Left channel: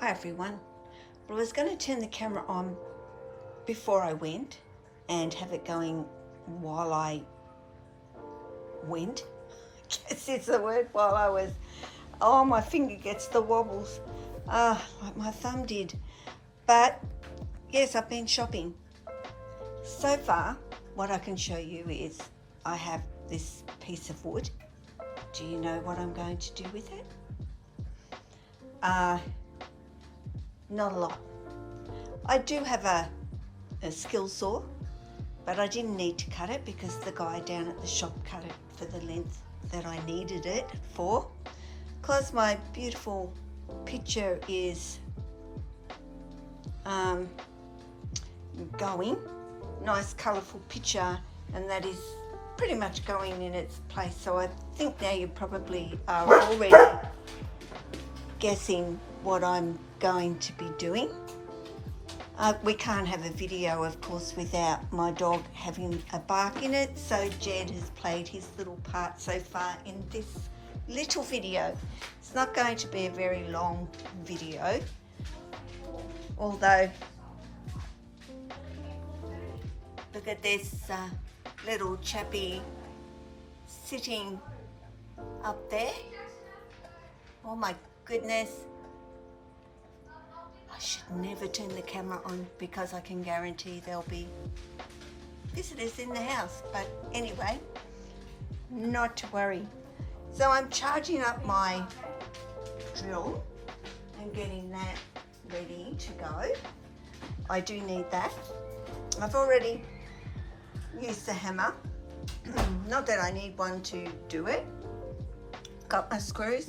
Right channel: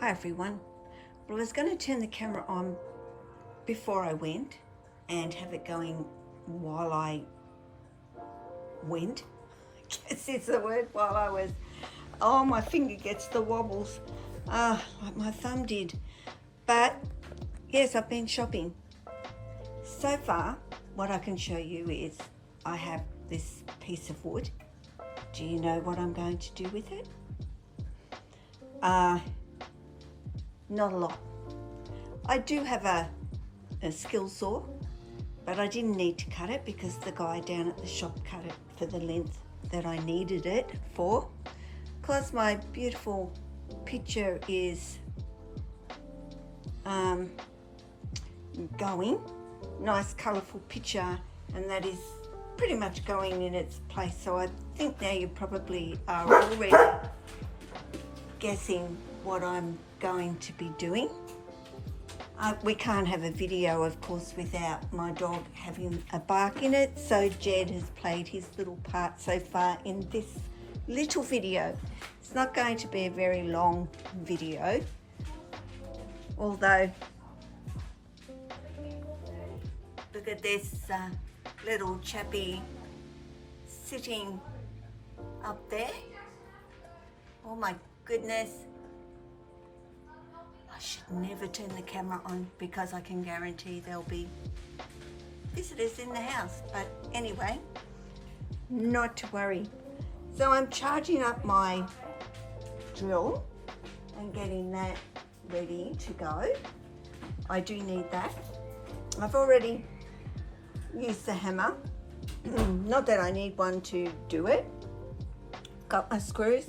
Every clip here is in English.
Hi everyone. Well, I was going to turn the camera on before I went and have it going while I went. I guess it's the word, while I was, oh, my finger gets the wobbles, like my thumb did. But yes, I've been shopping. So far, what I can show you is I have this piece of wood. Do you know what I'm going to do with it? Not a lot. I do have a skill saw, but I didn't need to cut it because the guy down at the shop cut it for the length that I needed it for. Because my beautiful picture is going, nice colourful picture, and that is pretty much going in its place. So I think now you probably are already guessing what I'm going to be doing. We can't have a video, of course, without my dog having a bark in it, so Jed has played his little part so far in this little video. It's not going to be a very long video, although look at this little chappy sitting up there. Oh my goodness. I should never turn the camera on because I can guarantee there'll be visitors in the house. But anyway, not to worry. So I'm charging up my drill and getting that ready to go. I do need that. I've already used the hammer. Not that I need one to do it. Got my screws.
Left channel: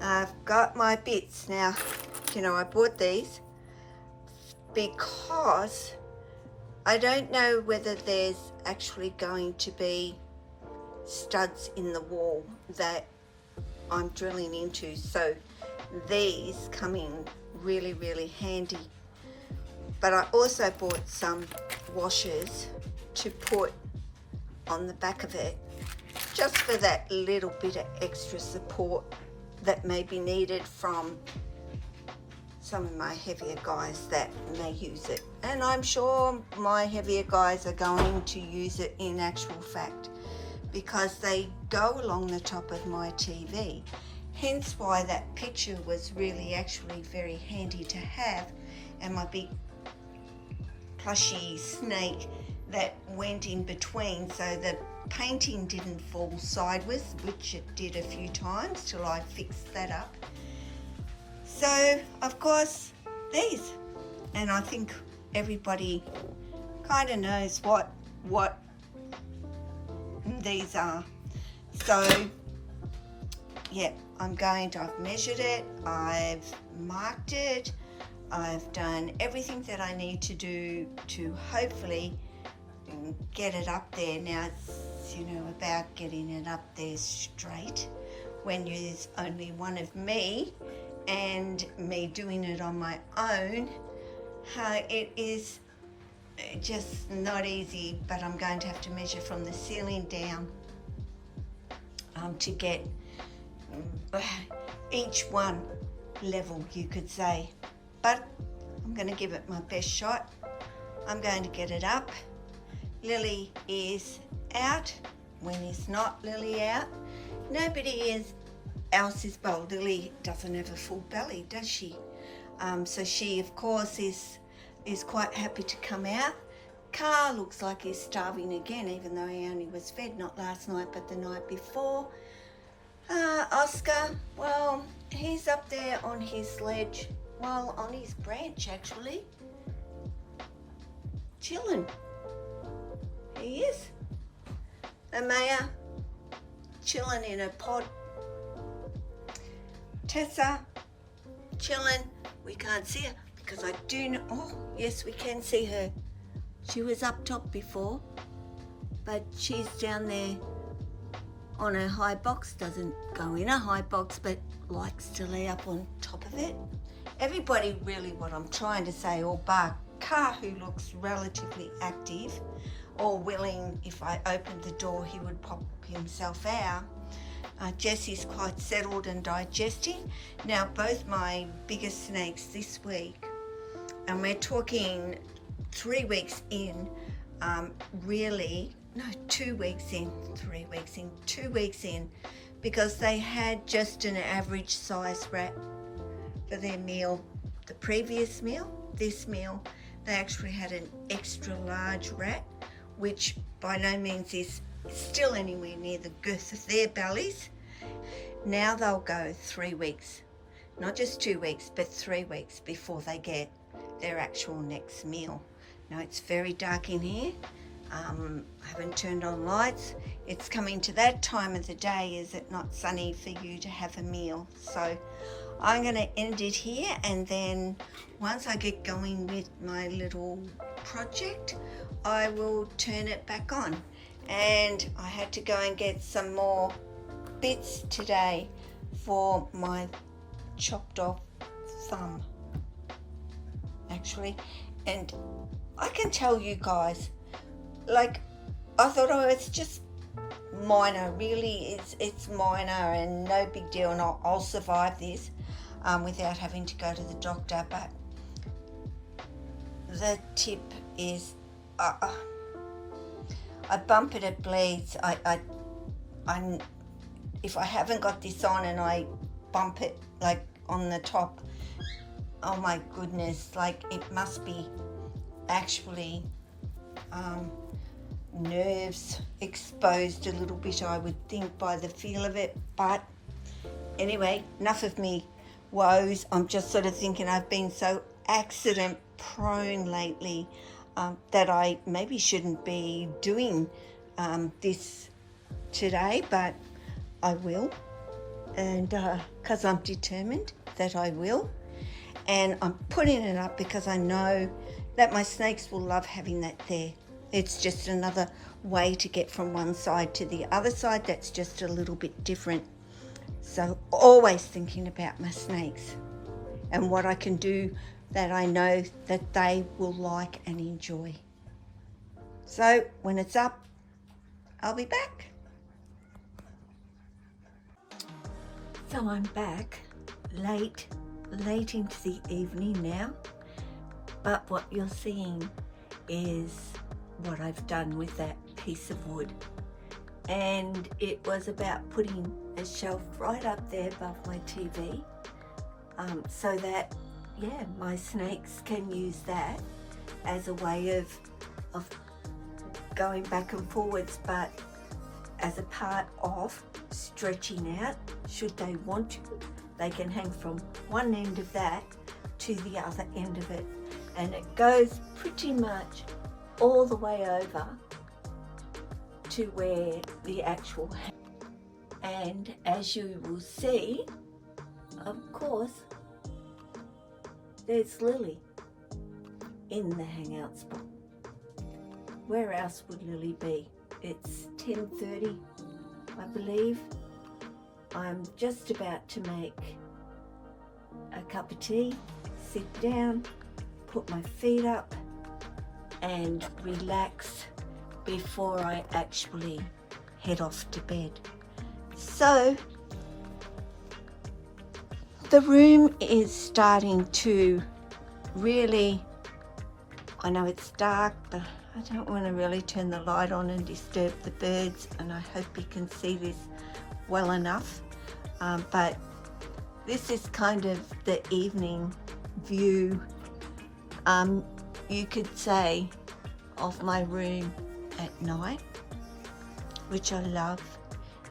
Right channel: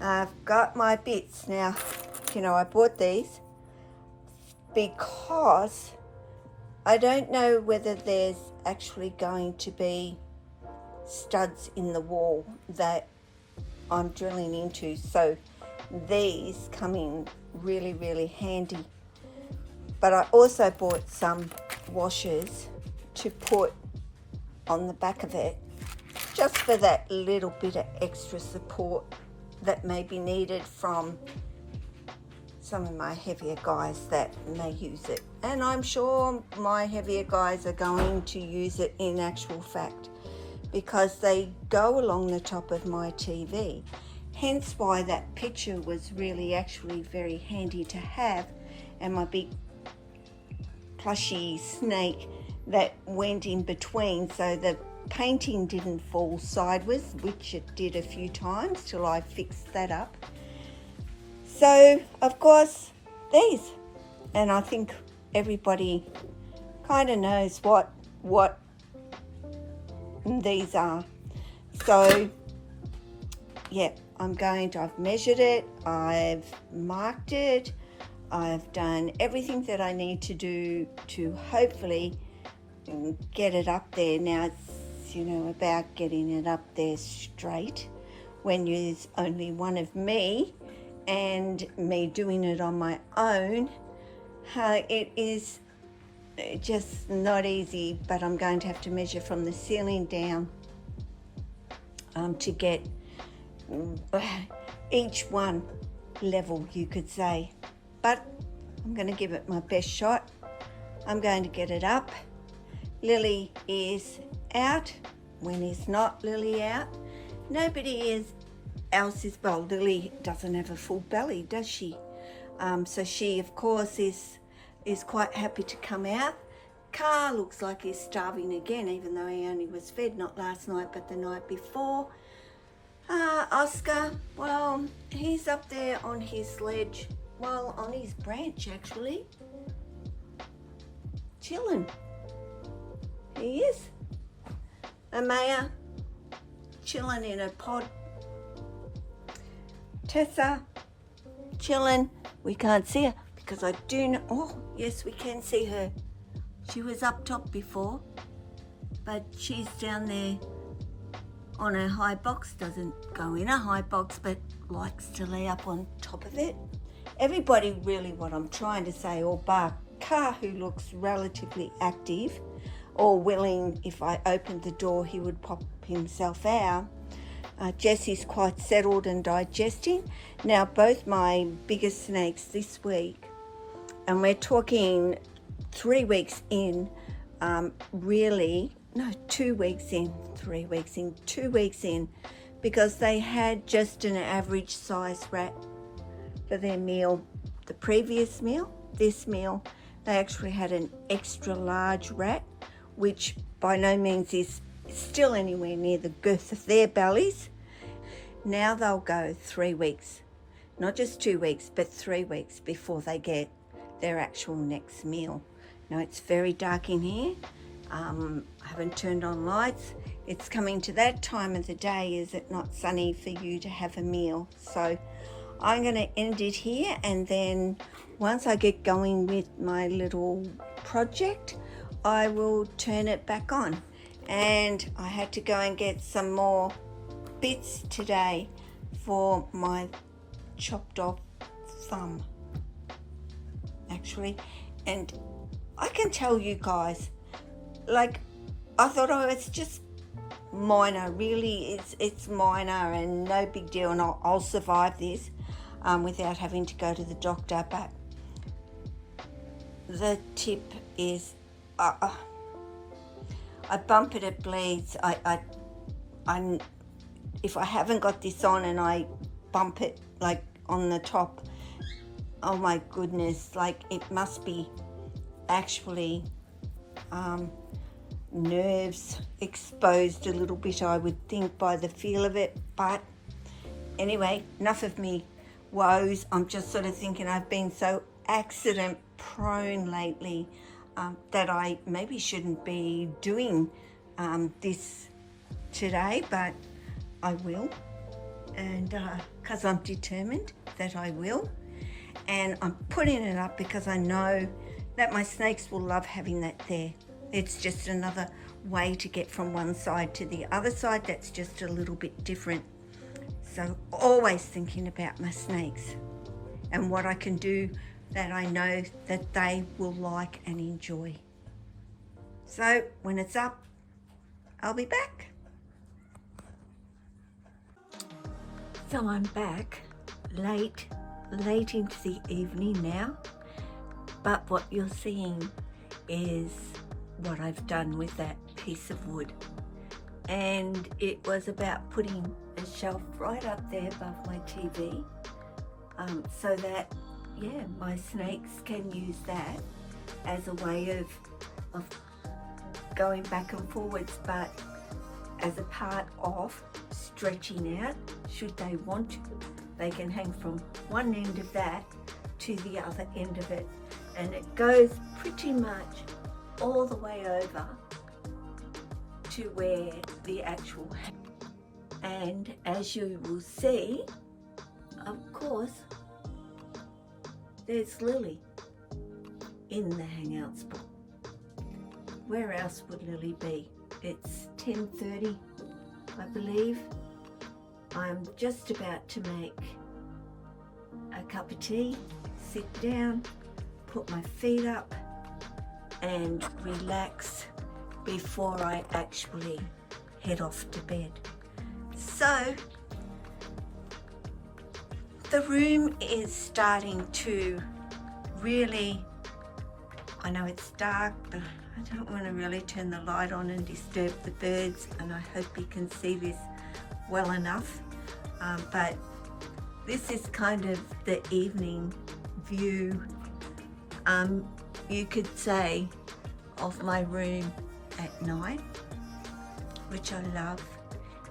I've got my bits now. You know, I bought these because I don't know whether there's actually going to be studs in the wall that I'm drilling into, so these come in really, really handy. But I also bought some washers to put on the back of it, just for that little bit of extra support that may be needed from some of my heavier guys that may use it. And I'm sure my heavier guys are going to use it in actual fact, because they go along the top of my TV. Hence why that picture was really actually very handy to have, and my big plushy snake that went in between, so the painting didn't fall sideways, which it did a few times till I fixed that up. So of course these, and I think everybody kind of knows what these are. So yeah, I've measured it, I've marked it, I've done everything that I need to do to hopefully get it up there. Now it's, you know, about getting it up there straight when there's only one of me and me doing it on my own. It is just not easy, but I'm going to have to measure from the ceiling down to get each one level, you could say. But I'm going to give it my best shot. I'm going to get it up. Lily is out. When is not Lily out? Nobody else is bold. Lily doesn't have a full belly, does she? So she, of course, is quite happy to come out. Car looks like he's starving again, even though he only was fed not last night but the night before. Oscar, well, he's up there on his ledge, well, on his branch actually, chilling. He is. Amaya, chilling in a pod. Tessa, chilling. We can't see her because I do know. Oh, yes, we can see her. She was up top before, but she's down there on a high box. Doesn't go in a high box, but likes to lay up on top of it. everybody really, what I'm trying to say, or bar Car, who looks relatively active or willing, if I opened the door he would pop himself out. Jesse's quite settled and digesting. Now both my biggest snakes this week, and we're talking 3 weeks in, really, no, 2 weeks in, 3 weeks in, 2 weeks in, because they had just an average size rat for their meal. The previous meal, this meal, they actually had an extra large rat, which by no means is still anywhere near the girth of their bellies. Now they'll go 3 weeks, not just 2 weeks, but 3 weeks before they get their actual next meal. Now it's very dark in here. I haven't turned on lights. It's coming to that time of the day, is it not sunny for you to have a meal? So I'm going to end it here, and then once I get going with my little project, I will turn it back on. And I had to go and get some more bits today for my chopped off thumb, actually. And I can tell you guys, like, I thought, oh, it's just minor. Really, it's minor and no big deal, and I'll survive this without having to go to the doctor. But the tip is, I bump it, it bleeds. If I haven't got this on and I bump it like on the top, oh my goodness, like it must be actually nerves exposed a little bit, I would think, by the feel of it. But anyway, enough of me woes. I'm just sort of thinking I've been so accident prone lately that I maybe shouldn't be doing this today, but I will, and because I'm determined that I will. And I'm putting it up because I know that my snakes will love having that there. It's just another way to get from one side to the other side that's just a little bit different. So always thinking about my snakes and what I can do that I know that they will like and enjoy. So when it's up, I'll be back. So I'm back late into the evening now, but what you're seeing is what I've done with that piece of wood. And it was about putting a shelf right up there above my TV, so that, yeah, my snakes can use that as a way of going back and forwards, but as a part of stretching out. Should they want to, they can hang from one end of that to the other end of it, and it goes pretty much all the way over to where the actual and as you will see, of course, there's Lily in the hangout spot. Where else would Lily be? It's 10:30, I believe. I'm just about to make a cup of tea, sit down, put my feet up and relax before I actually head off to bed. So the room is starting to really, I know it's dark, but I don't want to really turn the light on and disturb the birds, and I hope you can see this well enough. But this is kind of the evening view, you could say, of my room at night, which I love.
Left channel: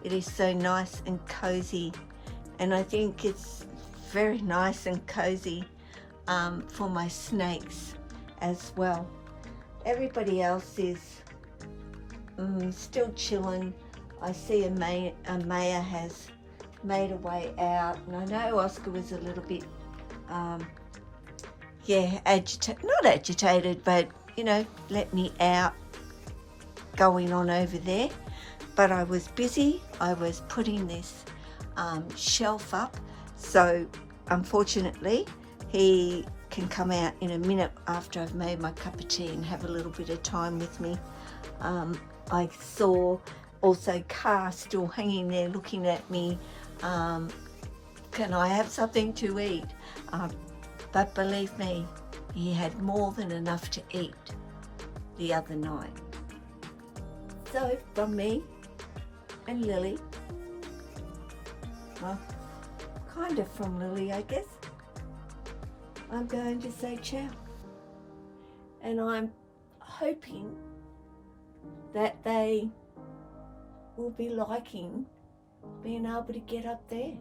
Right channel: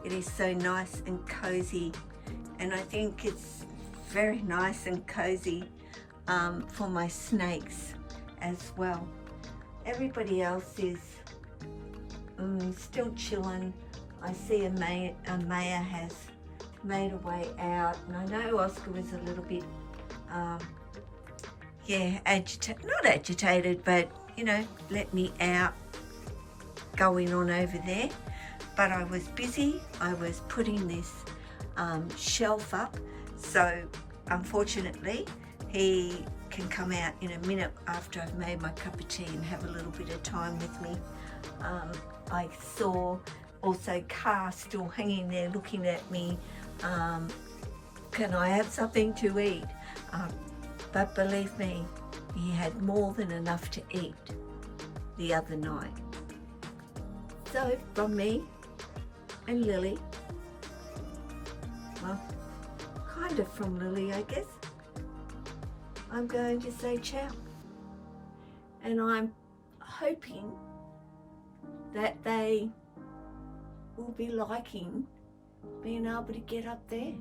It is so nice and cozy, and I think it's very nice and cozy for my snakes as well. Everybody else is still chilling. I see Maya has made a way out, and I know Oscar was a little bit not agitated, but you know, let me out, going on over there. But I was busy. I was putting this shelf up, so unfortunately He can come out in a minute after I've made my cup of tea and have a little bit of time with me. I saw also Car still hanging there looking at me. Can I have something to eat? But believe me, he had more than enough to eat the other night. So from me and Lily, well, kind of from Lily, I guess, I'm going to say ciao. And I'm hoping that they will be liking being able to get up there.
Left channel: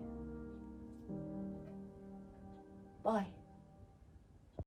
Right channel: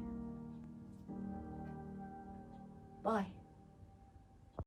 Bye.